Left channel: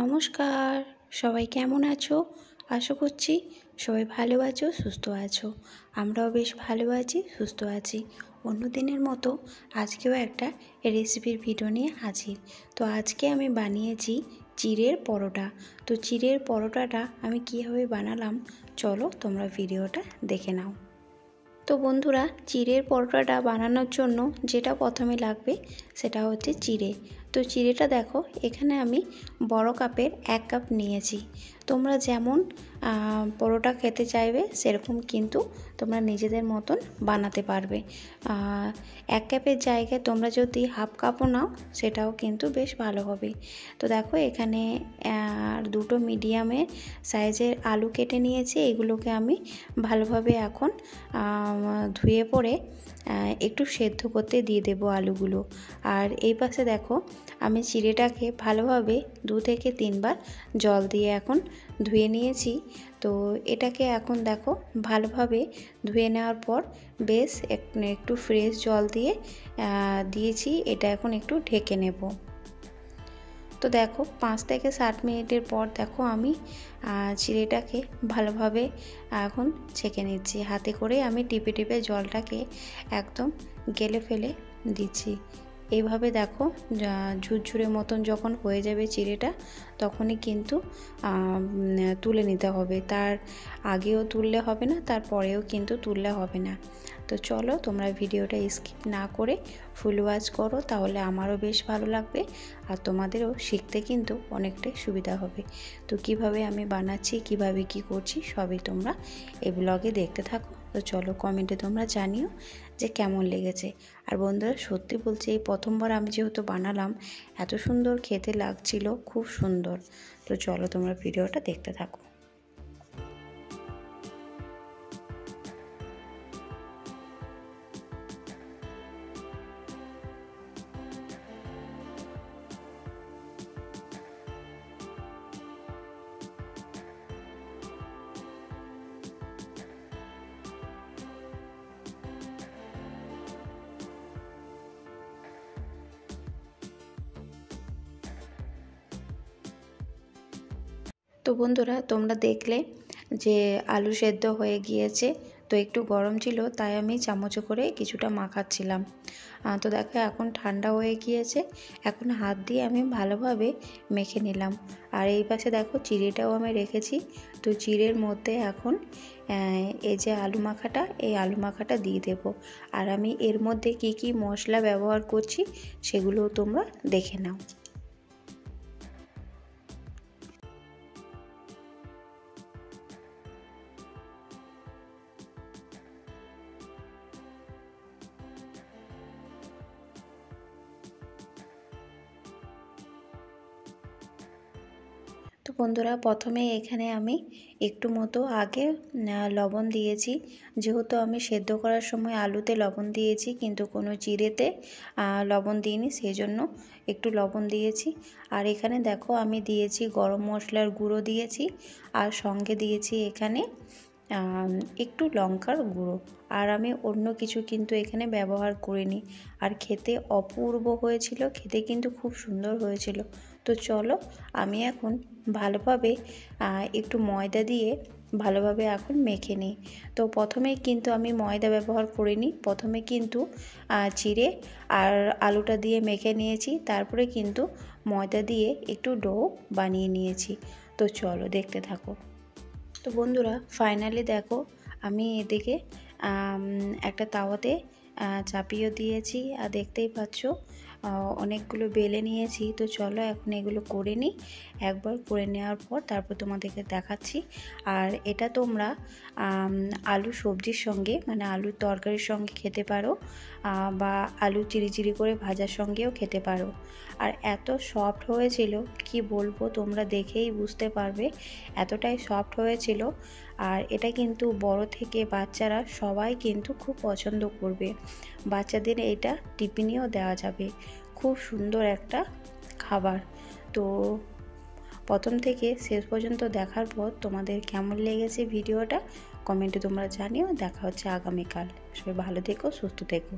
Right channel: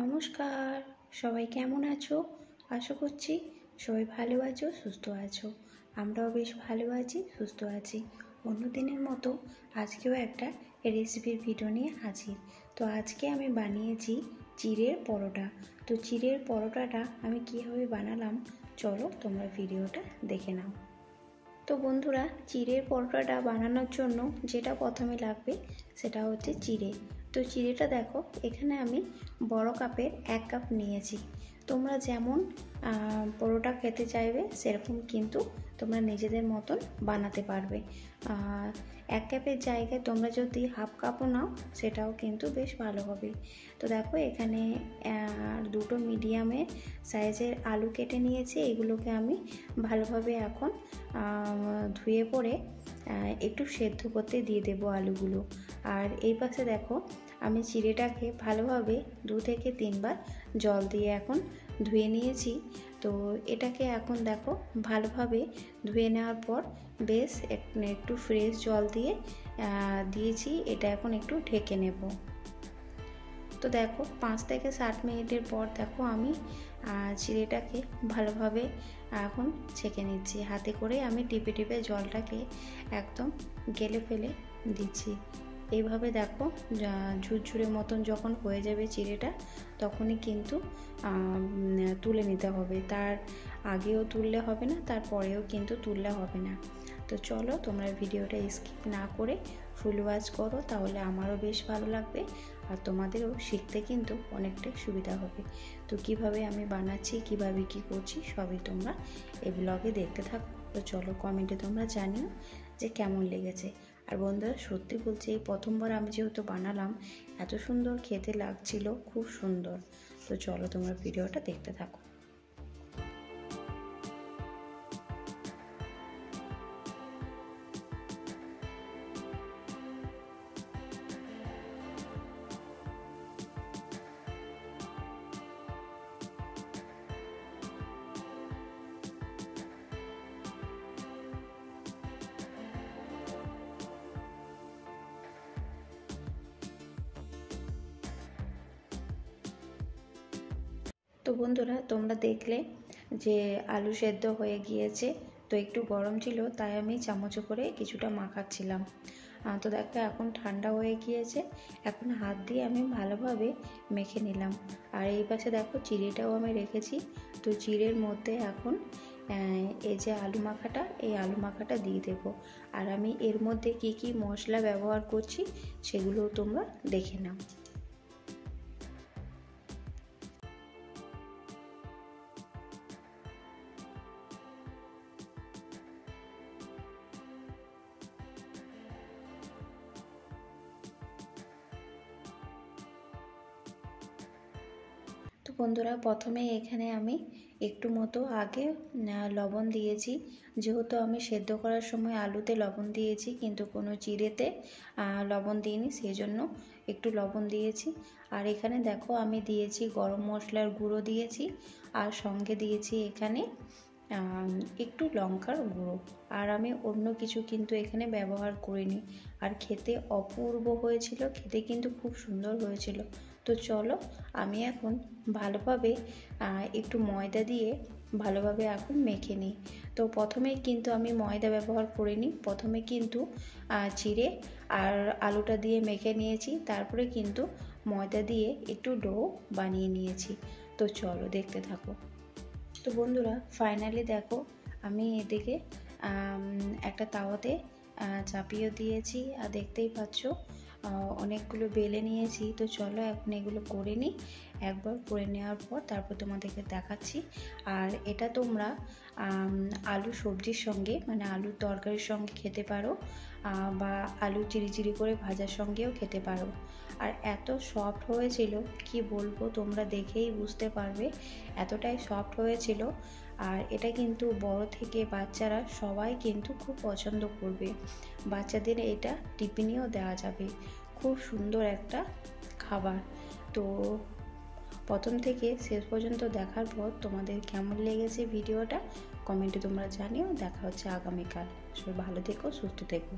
নমস্কার, সবাই কেমন আছো? আশা করছি সবাই ভালো আছো, সুস্থ আছো। আমরাও বেশ ভালো আছি, সুস্থ আছি। অন্য দিনের মতো আজকেও একটা রেসিপির ভিডিও নিয়ে হাজির। তো আজকে আমি বানিয়েছি চিড়ের পরোটা। তো চিড়ের পরোটাটা আমি কীভাবে বানালাম চলো তোমরা ভিডিওটা দেখে নাও। তো বন্ধুরা, চিড়ের পরোটাটা বানানোর জন্য যেটা প্রথমে লাগবে সেটা হচ্ছে চিড়ে। তো চিড়েটা দেখো, এখানে আমি বড় কাপের 1 কাপ নিয়েছি। তোমরা যেমন পরোটা খেতে চাইবে সেরকম কিন্তু তোমরা নিজেদের মতন বানাতে পারবে। 1 কাপের জায়গায় তোমরা যদি হাফ কাপও নাও সেটাও কিন্তু বেশ ভালো হবে। তো দেখো, এখানে দুটো মিডিয়ামের সাইজের আলু কেটে নিয়েছি। এগুলোকে আমি ভালোভাবে এখন ধুয়ে পরে একটু সেদ্ধ করতে দিয়ে দেবো আলুগুলো। আর এই পাশে দেখো, আমি চিড়েটাকে ভালোভাবে 2 থেকে 3 বার জল দিয়ে এখন ধুয়ে নিয়েছি। তো এটাকে এখন দেখো ভালোভাবে ধুয়ে নেওয়ার পর বেশ একটু ফ্রেশ জল দিয়ে দিয়েছি। এটা এখন একটু ঢেকে নেব। তো দেখো 5 থেকে 7 মিনিটের পর দেখো আমি চিড়েটাকে ভালোভাবে এখন ছেঁকে নিচ্ছি। হাতে করে আমি টিপে টিপে জলটাকে একদম গেলে ফেলে দিচ্ছি। এইভাবে দেখো ঝুরঝুরে মতন যখন হয়ে যাবে চিড়েটা, তখনই কিন্তু তুলে নিতে হবে। তার আগেও তুললে হবে না, তারপরেও কিন্তু তুললে হবে না। তো চলো তোমরা ভিডিওটা স্কিপ না করে ফুল ওয়াচ করো, তাহলে আমারও বেশ ভালো লাগবে আর তোমাদেরও শিখতে কিন্তু অনেকটাই সুবিধা হবে। তো কিভাবে আমি বানাচ্ছি, কিভাবে কি করছি সবই তোমরা এই ব্লগে দেখতে থাকো। তো চলো কমেন্টে তোমরা জানিও যে কেমন লেগেছে। আর বন্ধুরা, সত্যি বলছি, এই প্রথমবার আমি যেহেতু বানালাম, এত সুন্দর খেতে লাগছিল, খুব সুন্দর। তো চলো তোমরা ভিডিওটা দেখতে থাকো। তো বন্ধুরা, তোমরা দেখলে যে আলু সেদ্ধ হয়ে গিয়েছে। তো একটু গরম ছিল, তাই আমি চামচে করে কিছুটা মাখাচ্ছিলাম। তো দেখো এখন ঠান্ডা হয়ে গিয়েছে। এখন হাত দিয়ে আমি ভালোভাবে মেখে নিলাম। আর এই পাশে দেখো চিড়েটাও আমি রেখেছি। তো চিড়ের মধ্যে এখন এই যে আলু মাখাটা, এই আলু মাখাটা দিয়ে দেব। আর আমি এর মধ্যে কি কি মশলা ব্যবহার করছি সেগুলো তোমরা দেখে নাও। তো বন্ধুরা, প্রথমে এখানে আমি একটু মতো আগে লবণ দিয়েছি। যেহেতু আমি সেদ্ধ করার সময় আলুতে লবণ দিয়েছি কিন্তু কোনো চিড়েতে লবণ দিইনি, সেই জন্য একটু লবণ দিয়েছি। আর এখানে দেখো আমি দিয়েছি গরম মশলার গুঁড়ো দিয়েছি, আর সঙ্গে দিয়েছি এখানে একটু লঙ্কার গুঁড়ো। আর আমি অন্য কিছু কিন্তু এখানে ব্যবহার করিনি। আর খেতে অপূর্ব হয়েছিল, খেতে কিন্তু খুব সুন্দর হয়েছিল। তো চলো আমি এখন ভালোভাবে একটু ময়দা দিয়ে ভালোভাবে এখন মেখে নিই। তো প্রথমেই কিন্তু আমি ময়দা ব্যবহার করিনি, প্রথমে কিন্তু চিড়ে আর আলুটা দিয়ে মেখে নিয়েছি, তারপরে কিন্তু ময়দা দিয়ে একটু ডো বানিয়ে নিয়েছি। তো চলো দেখতে থাকো। তো বন্ধুরা, ফাইনালি দেখো আমি এদিকে একটা তাওয়াতে চাপিয়ে দিয়েছি। আর দেখতেই পাচ্ছ অনেকগুলো বেলে নিয়েছি। তো চলো এখন এগুলো করে নিই। একবার করে নেওয়ার পর তারপর তোমাদেরকে দেখাচ্ছি। আর এটা তোমরা আলু সবজির সঙ্গে, মানে আলুর তরকারির সঙ্গে খেতে পারো, বা আলু চিরি চিরি করে ভাজার সঙ্গেও খেতে পারো। আর এত সফট হয়েছিল কি বলবো, তোমরা দেখেই বুঝতে পারবে এতটাই সফট হয়েছিল। আর এটা কিন্তু বড় থেকে বাচ্চারা সবাই কিন্তু খুব পছন্দ করবে। বাচ্চাদের এটা টিফিনেও দেওয়া যাবে। খুব সুন্দর একটা খাবার। তো প্রথম থেকে শেষ পর্যন্ত দেখার পর তোমাদের কেমন লেগেছে ভিডিওটা কমেন্টে তোমরা জানিও। দেখা হচ্ছে আগামীকাল। সবাই ভালো থেকো, সুস্থ থেকো।